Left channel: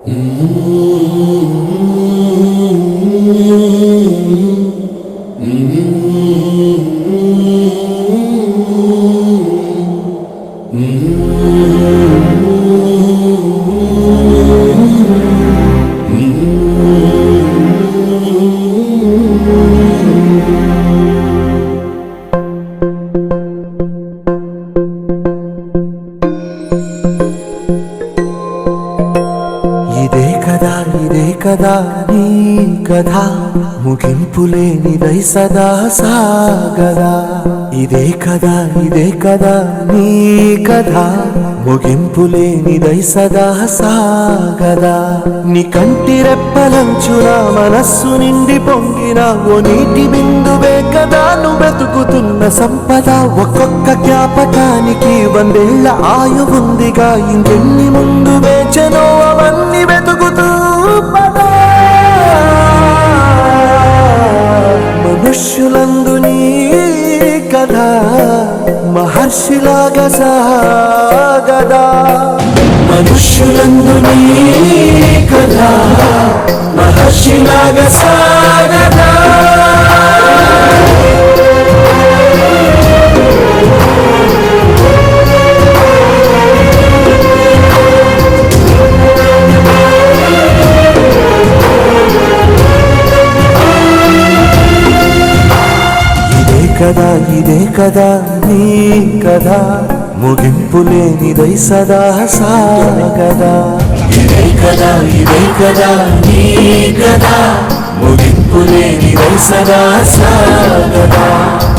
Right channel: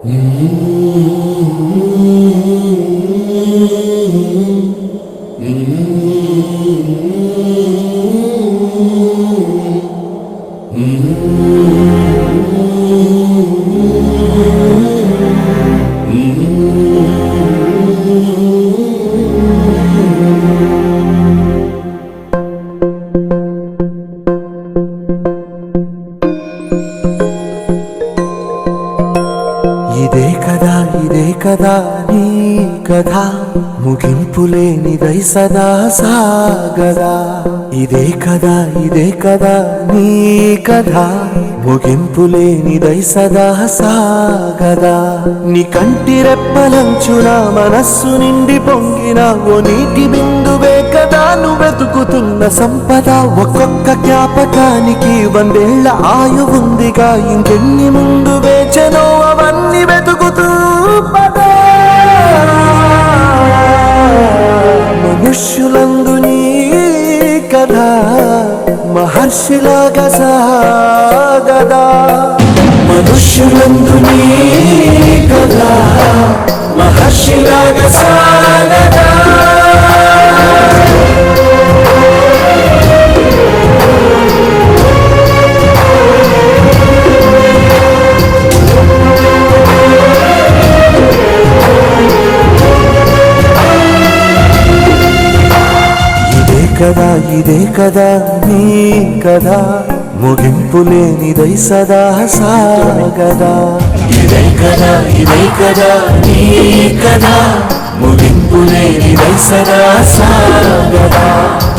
ఇదే కదా నీ కథ ముగింపులేనిదై సదా సాగదా. ఇదే కదా నీ కథ ముగింపులేనిదై సదా సాగదా. నీ కంటి రెప్పలంచున మనస్సు నిండి పొంగిన ఓ నీటి బిందువే కదా నువ్వు వెతుకుతున్న సంపద. ఒక్కొక్క జ్ఞాపకానికి 100 ఏళ్ల ఆయువుందిగా, ఇంకెన్ని ముందు వేచనో అవన్నీ వెతుకుతూ పదా. మనుష్యులందు నీ కథ మహర్షిలాగా సాగదా. మనుష్యులందు నీ కథ మహర్షిలాగా సాగదా. ఇదే కదా నీ కథ ముగింపులేనిదై సదా సాగదా. ఇదే కదా నీ కథ ముగింపులేనిదై సదా సాగదా.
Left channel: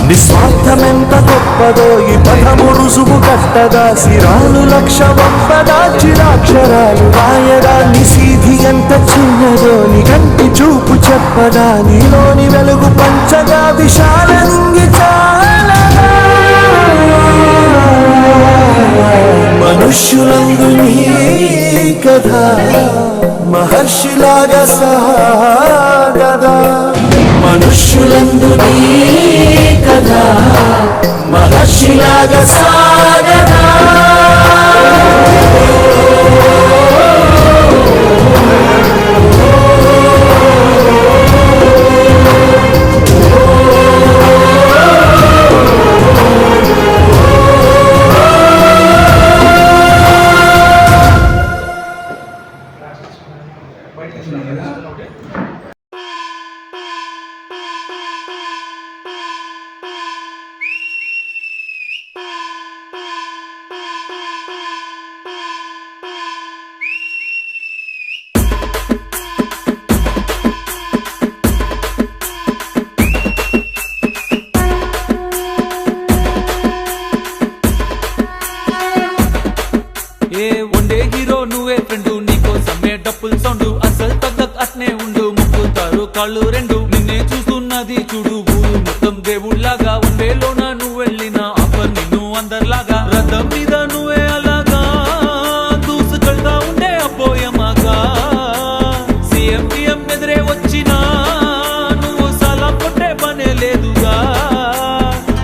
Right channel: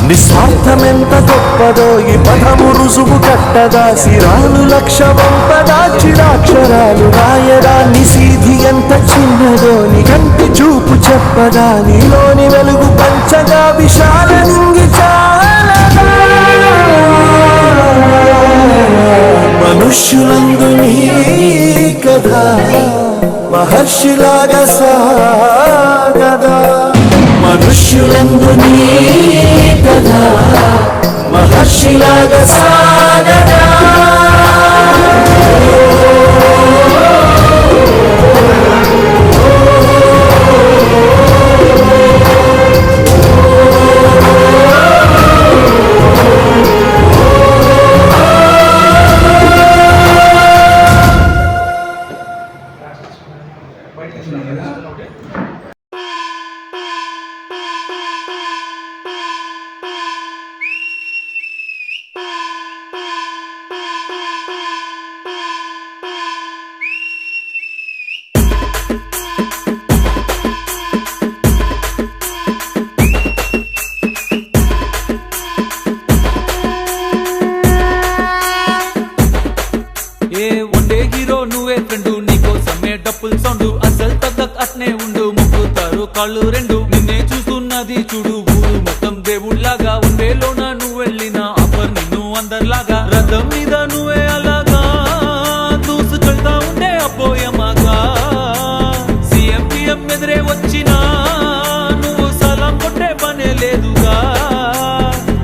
నిస్వార్థమెంత గొప్పదో ఈ పదము రుజువు కట్టదా. సిరాలు లక్ష వంపదా, చిరాక్షరాలు రాయదా. నిశీధి ఎంత చిన్నదో నీ కంటి చూపు చెప్పదా. నీలోని వెలుగు పంచగా విశాల నింగి చాలదా. మనుష్యులందు నీ కథ మహర్షిలాగా సాగదా. మనుష్యులందు నీ కథ మహర్షిలాగా సాగదా. ఏ వన్డే హీరో నువ్వే ఫ్రెండు, నీకోసమే డప్పుల్ సౌండ్ అసలు తగ్గక్ అట్నే ఉండు. మొక్కుతారు కాళ్ళు రెండు, నిన్నే చూస్తున్నది చూడు ఊరు మొత్తం దేవుళ్లాగా. వన్ వేలోన నువ్వు వెళ్ళిన ఆఫర్ నిన్ను అందరిలాగా. రథం మీద నువ్వే అలాగా దూసుకెళ్తా ఉండే అపోయమాగా. సీఎం పిఎం ఎదురే వచ్చినా నువ్వు సలాం కొట్టే పనే లేదుగా.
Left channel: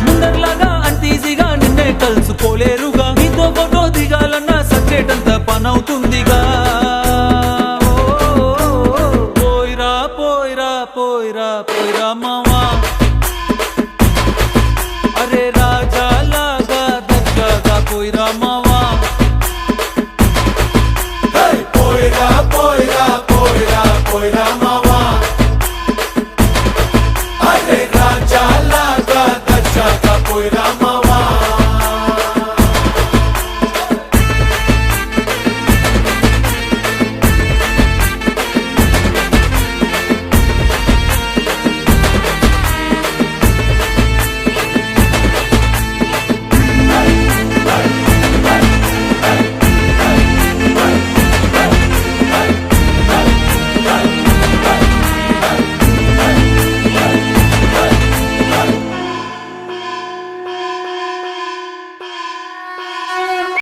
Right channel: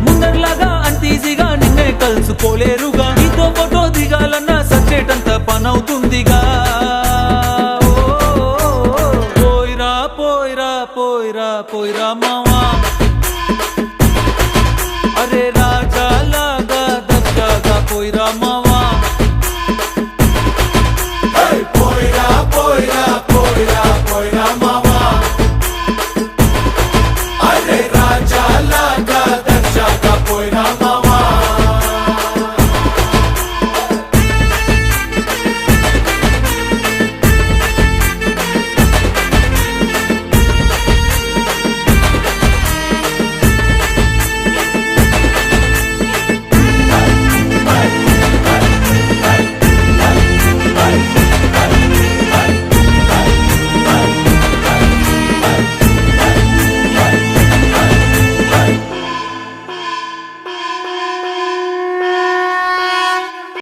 ముందర్లాగా అంత ఈజీగా నిన్నే కలుసుకోలేరుగా. నీతో ఫోటో దిగాలన్నా సచ్చేటంత పనవుతుందిగా. పోయిరా పోయిరా పోయిరా పోయిరా మావా, అరే రాజాలాగా దర్జాగా పోయిరా మావా. పోయిరా పోయిరా